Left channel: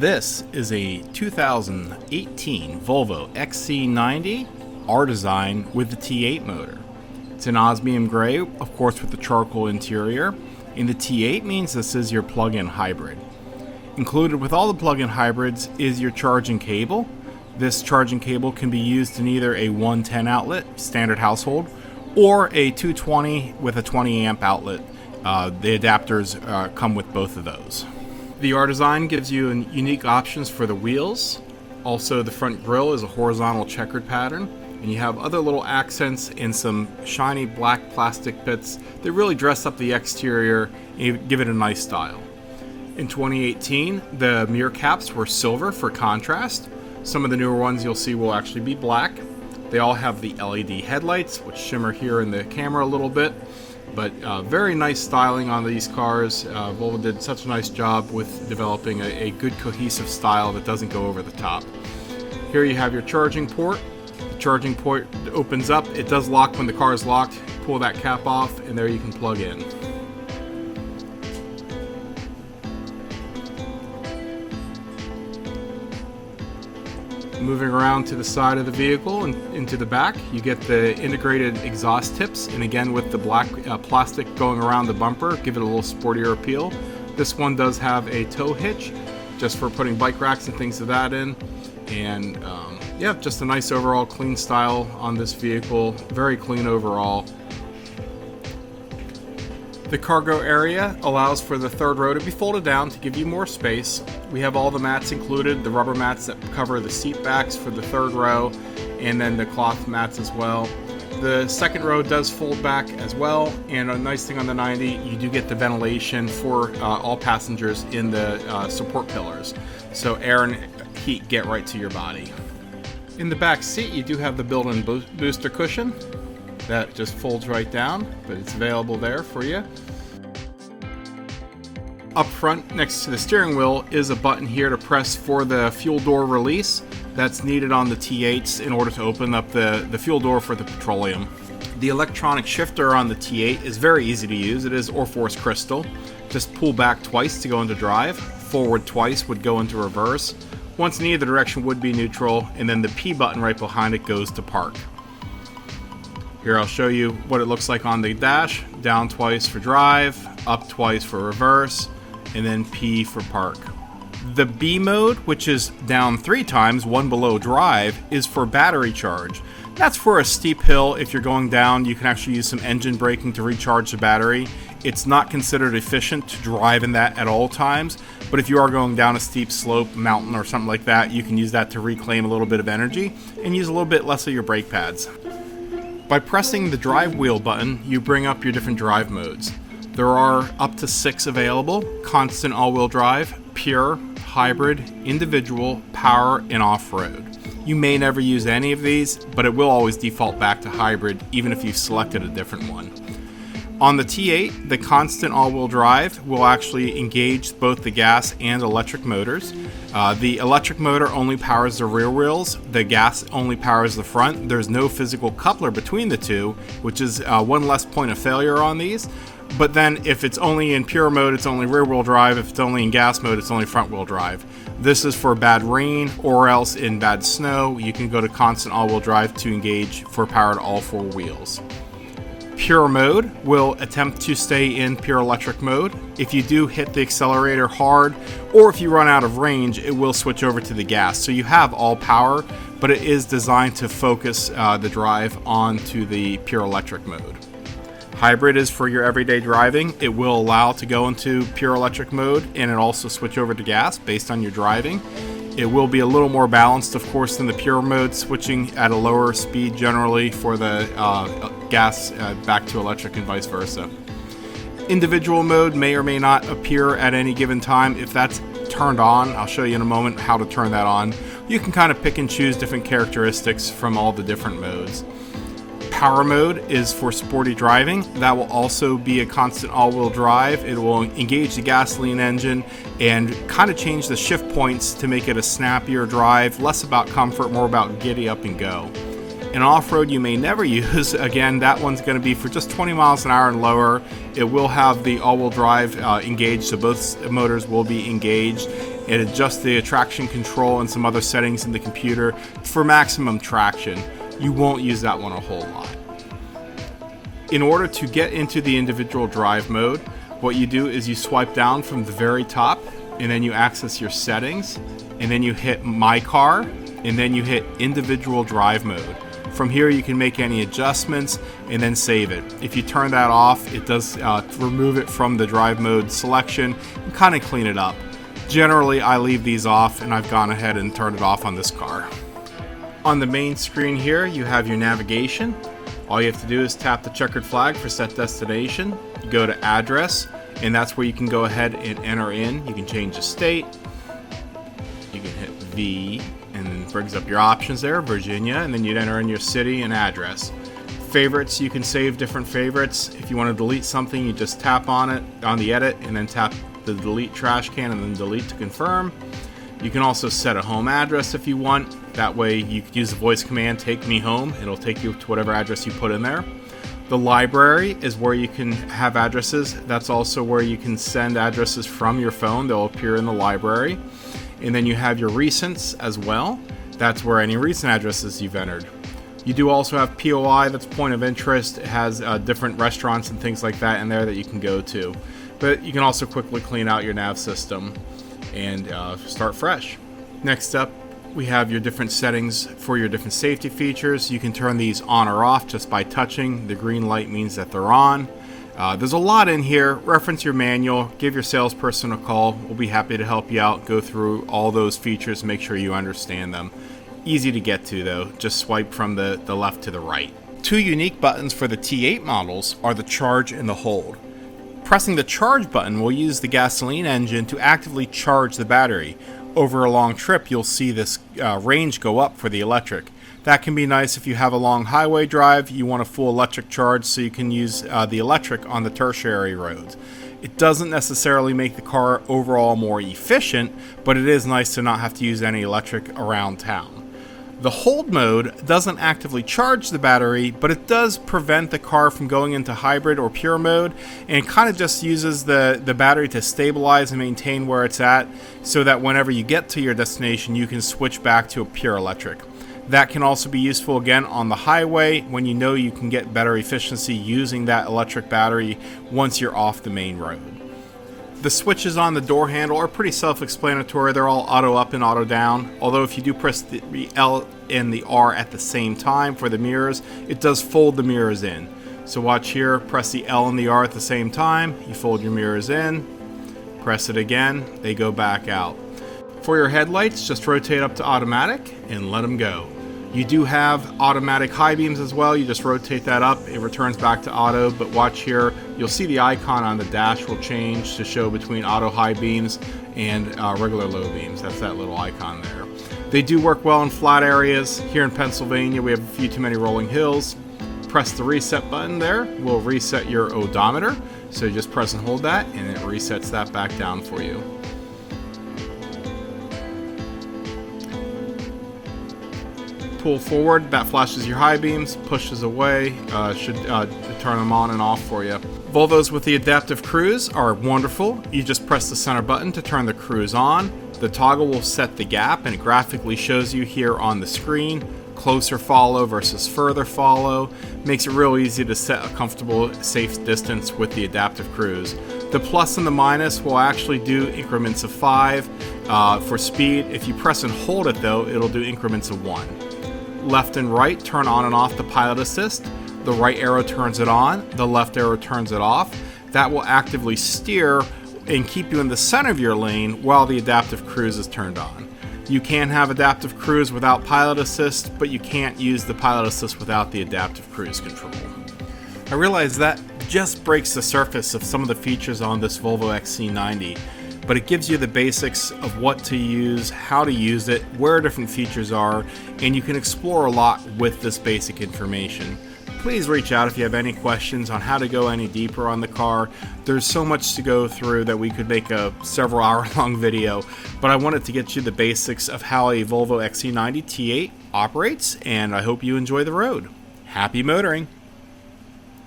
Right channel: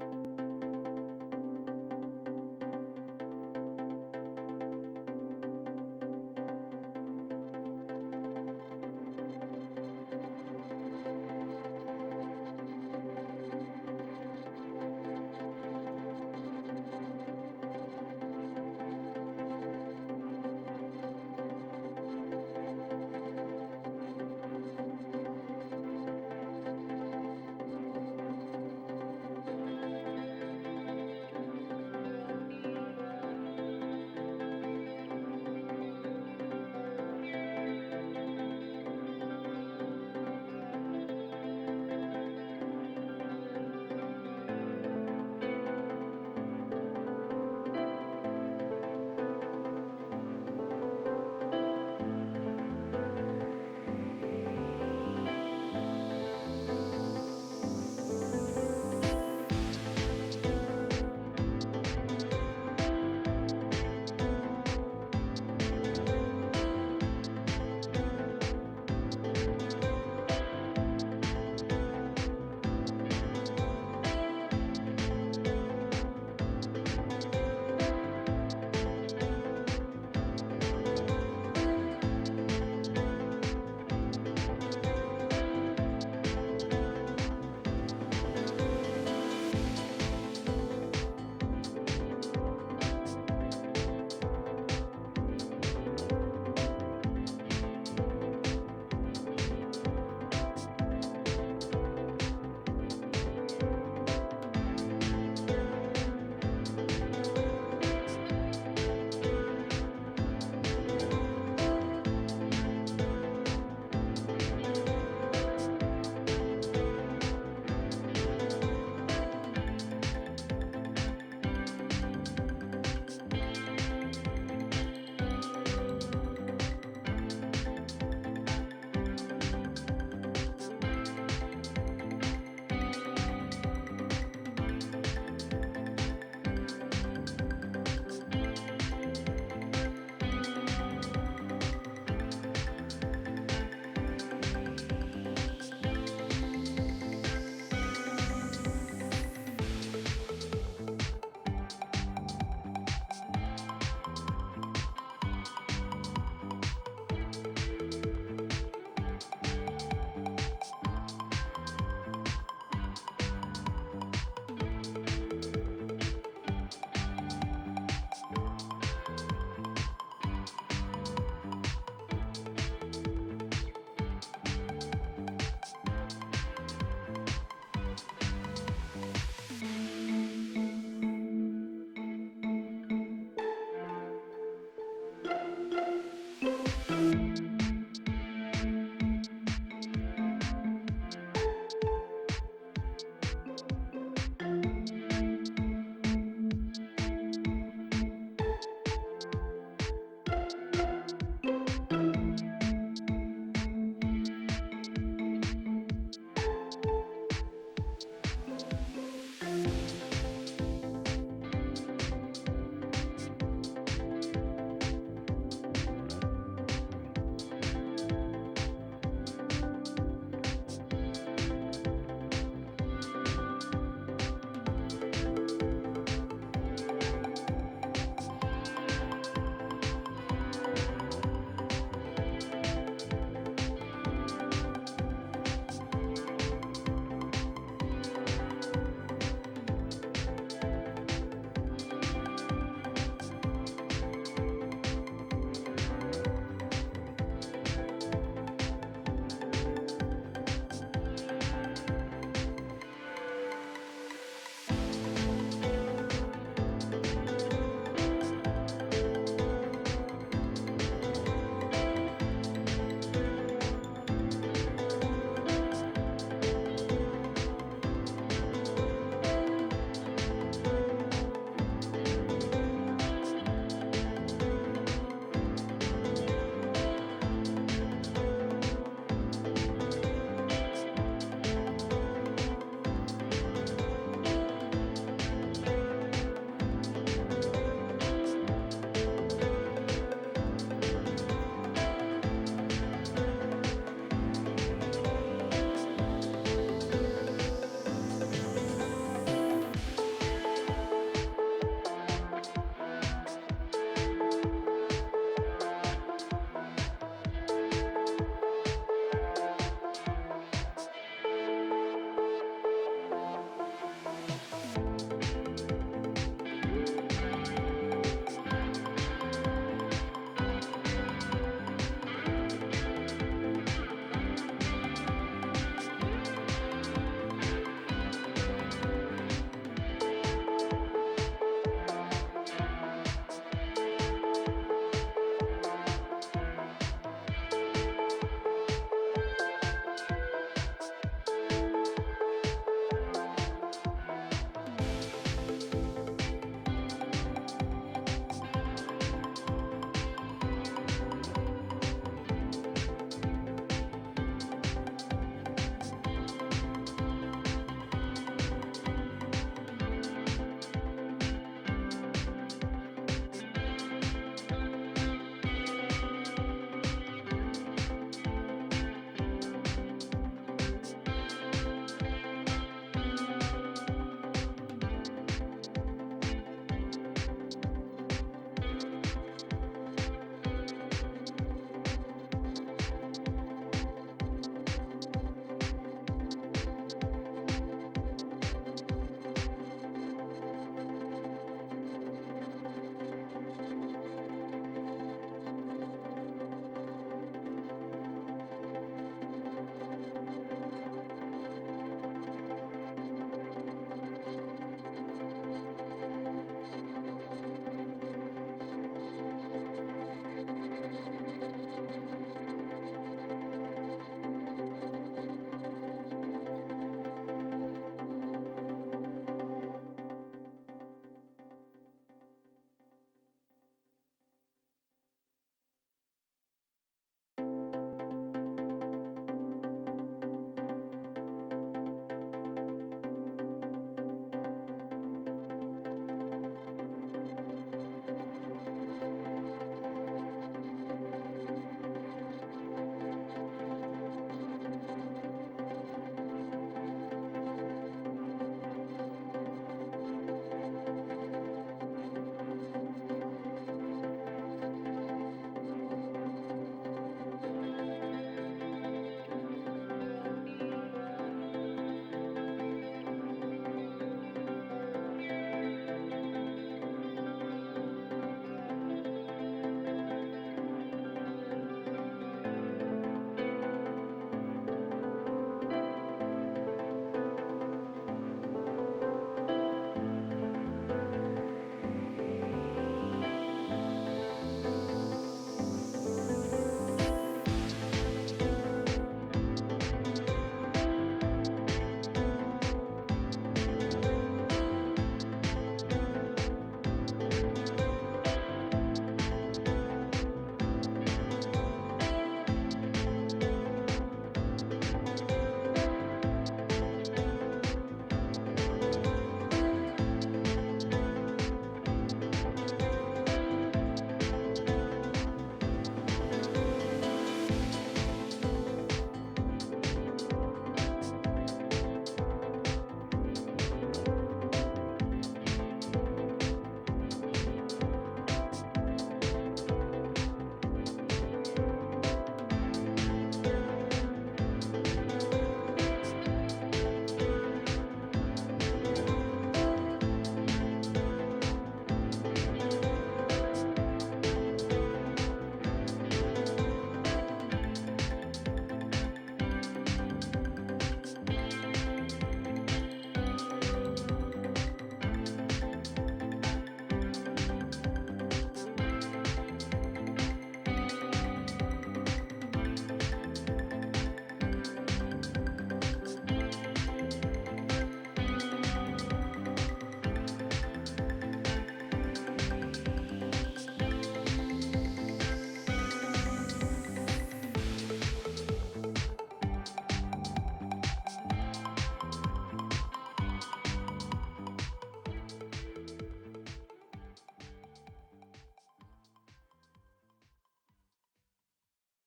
This is a 2018 Volvo XC90 R design with the T8 motor. It's an osmium gray, of course, with the charcoal interior, and the T8 means this is your plug-in hybrid. Included with all the plug-in hybrids is your charging cable. This charging cable can be used in either a 110 outlet, standard household, or a 220 with a 20 amp outlet. The adapters come with both of those. The R design gives you unique options for the wheels. Also, the front grille is a horizontal checkered pattern, and you have other little accents and some shiny black plastic bits that really dress up the exterior and give it a nice style. In 2018, the mirror caps were silver for contrast. Some of the newer ones you'll see will actually be black. They all have the LED headlights, which shimmer here in the camera a little bit, but very nice styling on these cars. Volvo did such a nice job with developing a good cohesive style that doesn't go over the top. Here you have your charging port. The charging port opens up. It does lock when the car is locked. Pull that cap off, and there you can plug in. Moving around to the side of the vehicle and into the back, you get the integrated exhaust tips, and again with the black plastic going around the bumper, give it a little sportier appeal. This one does have a tow hitch, just for putting bike racks and things of that in, and yeah, just a nice overall clean style on this vehicle, very clean overall. The cargo area allows for the third row to be folded down to give you more space. We have all the mats included, the rubber mats that cover the seat backs for the third row, and then the cloth mats as well. The second row does fold back as well, and a nice thing on the 90, you do get the ventilation for all passengers in the support pillars. So air and heat get right to your body. In the back seat, you do have the built-in booster cushion. That just folds right down, but it's available there for you. Up front, next to the steering wheel, is a button here to press for the fuel door release. That's needed on the T8s in order to open up the fuel door for the petroleum. The electronic shifter on the T8 is very easy to use. It is Orforce crystal. Just pull back twice to go into drive, forward twice would go into reverse. Once in either direction would be neutral, and then the P button right behind it goes to park. Here I'll show you what it looks like on the dash. Down twice for drive, up twice for reverse, and then P for park. The B mode, which is down 3 times, one below drive, is for battery charge. That's for a steep hill. If you're going down, you can actually use some engine braking to recharge the battery. It's not considered efficient to drive in that at all times, but if you are going down a steep slope, mountain, or something like that, you can use that to reclaim a little bit of energy and use a little bit less of your brake pads. By pressing the drive wheel button, you bring up your different drive modes. There are up to 6 available: constant all-wheel drive, pure, hybrid, individual, power, and off-road. You may never use any of these, but it will always default back to hybrid even if you've selected a different one. On the T8, the constant all-wheel drive will actually engage both the gas and electric motors. The electric motor only powers the rear wheels. The gas only powers the front. There's no physical coupler between the two, which is one less point of failure on these. But then if it's only in pure mode, it's only rear-wheel drive. If it's only in gas mode, it's only front-wheel drive. This is for bad rain or else in bad snow. You can go to constant all-wheel drive to engage for power to all 4 wheels. Pure mode will attempt to stay in pure electric mode. If you do hit the accelerator hard, or if you run out of range, it will switch over to the gas. So you have all power, but it is designed to focus the drive onto the pure electric mode. Hybrid is for your everyday driving. It will allow to go into pure electric mode, and it also switch over to gas based on your driving. It will be a little more balanced, of course, than the pure mode, switching at a lower speed generally for the gas back to electric and vice versa. Individual mode may or may not appear at any given time. If that's turned on, I'll show you in a moment how to turn that on. You can kind of pick and choose different characteristics from all the different modes. Power mode is for sporty driving. That will also be a constant all-wheel drive. It will engage the gasoline engine and kind of change the shift points to make it a snappier drive, less about comfort, more about giddy up and go. In off-road you may never use, again, that one's going to be for just 20 miles an hour and lower. It will have the all-wheel drive engaged, so both motors will be engaged, It adjusts the traction control and some other settings in the computer for maximum traction. You won't use that one a whole lot. In order to get into the individual drive mode, what you do is you swipe down from the very top, and then you access your settings, and then you hit My Car, and then you hit Individual Drive Mode. From here you can make any adjustments and then save it. If you turn that off, it does remove it from the drive mode selection and kind of clean it up. Generally I leave these off, and I've gone ahead and turned it off on this car. On the main screen here you have your navigation. All you have to do is tap the checkered flag for set destination. You go to address, and that's where you can go ahead and enter in. You can change the state. You can hit V, and then it brings up your options there, Virginia, and then you'd enter in your city and address. Favorites, you can save different favorites. If you want to delete something, you just tap on it, on the edit, and then tap the delete trash can and then delete to confirm. You can also set a home address if you want. That way you can use the voice command, take me home. It'll take you to whatever address you put in there. The library is where you can have addresses. That's also where you can send addresses from your phone. They'll appear in the library. And then you have your recents as well. That's where any recent addresses you've entered. You do also have POI, that's point of interest. It has different restaurants and things like that in there that you can go to. But you can also quickly clean out your nav system and start fresh. Next up, we have your different settings for your different safety features. You can turn these on or off just by touching. The green light means that they're on. There's a lot in here. Reference your manual, give your salesperson a call. We'll be happy to help you out, go through all those features, make sure you understand them. Easy to get to though, just swipe from the left to the right. Two unique buttons for the T8 models are the charge and the hold. Pressing the charge button will use the gasoline engine to actively charge the battery. Over a long trip, you'll see this range go up for the electric. That can be nice if you have a long highway drive, you want a full electric charge so you can use the electric on the tertiary roads. It doesn't necessarily make the car overall more efficient, but it is nice to not have to use any electric around town. The hold mode doesn't actively charge the battery, but it does prevent the car from going into hybrid or pure mode, and it kind of just uses the battery to stabilize and maintain where it's at so that whenever you get to your destination you can switch back to a pure electric. That can also be useful again on the highway when you know you can get better efficiency using that electric battery once you're off the main road. The switches on the door handle are pretty self-explanatory. They're all auto up and auto down. Although if you do press the L and the R at the same time for the mirrors, it does fold the mirrors in. So watch here, press the L and the R at the same time, you fold your mirrors in, press it again, they go back out. For your headlights, just rotate up to automatic and let them go. You do have automatic high beams as well. You just rotate that up, it returns back to auto, but watch here, you'll see the icon on the dash will change to show between auto high beams and regular low beams. That's that little icon there. They do work well in flat areas. Here in Pennsylvania, we have a few too many rolling hills. Press the reset button there, will reset your odometer. So you just press and hold that, and it resets that back down for you. Pull forward, that flashes your high beams, pushes away, should turn them on and off for you. Volvos with the adaptive cruise are wonderful. You just press the center button to turn the cruise on. The toggle will set the gap and it graphically shows you here on the screen closer follow versus further follow. Makes it real easy to set a comfortable, safe distance with the adaptive cruise. The plus and the minus will actually do increments of 5 for speed. If you press and hold it though, it'll do increments of 1. Left and right turn on and off the pilot assist. The right arrow turns it on, the left arrow turns it off. That will actively steer and keep you in the center of your lane while the adaptive cruise is turned on. You can have adaptive cruise without pilot assist, but you can't use the pilot assist without the adaptive cruise control. I realize that just breaks the surface of some of the features on this Volvo XC90, but it gives you the basics of what to use, how to use it, where different features are, and you can explore a lot with this basic information. Please reach out if you have any questions on how to go any deeper on the car. There's so much to go through that we could make a several hour long video, but I wanted to get you the basics of how a Volvo XC90 T8 operates, and I hope you enjoy the road. Happy motoring!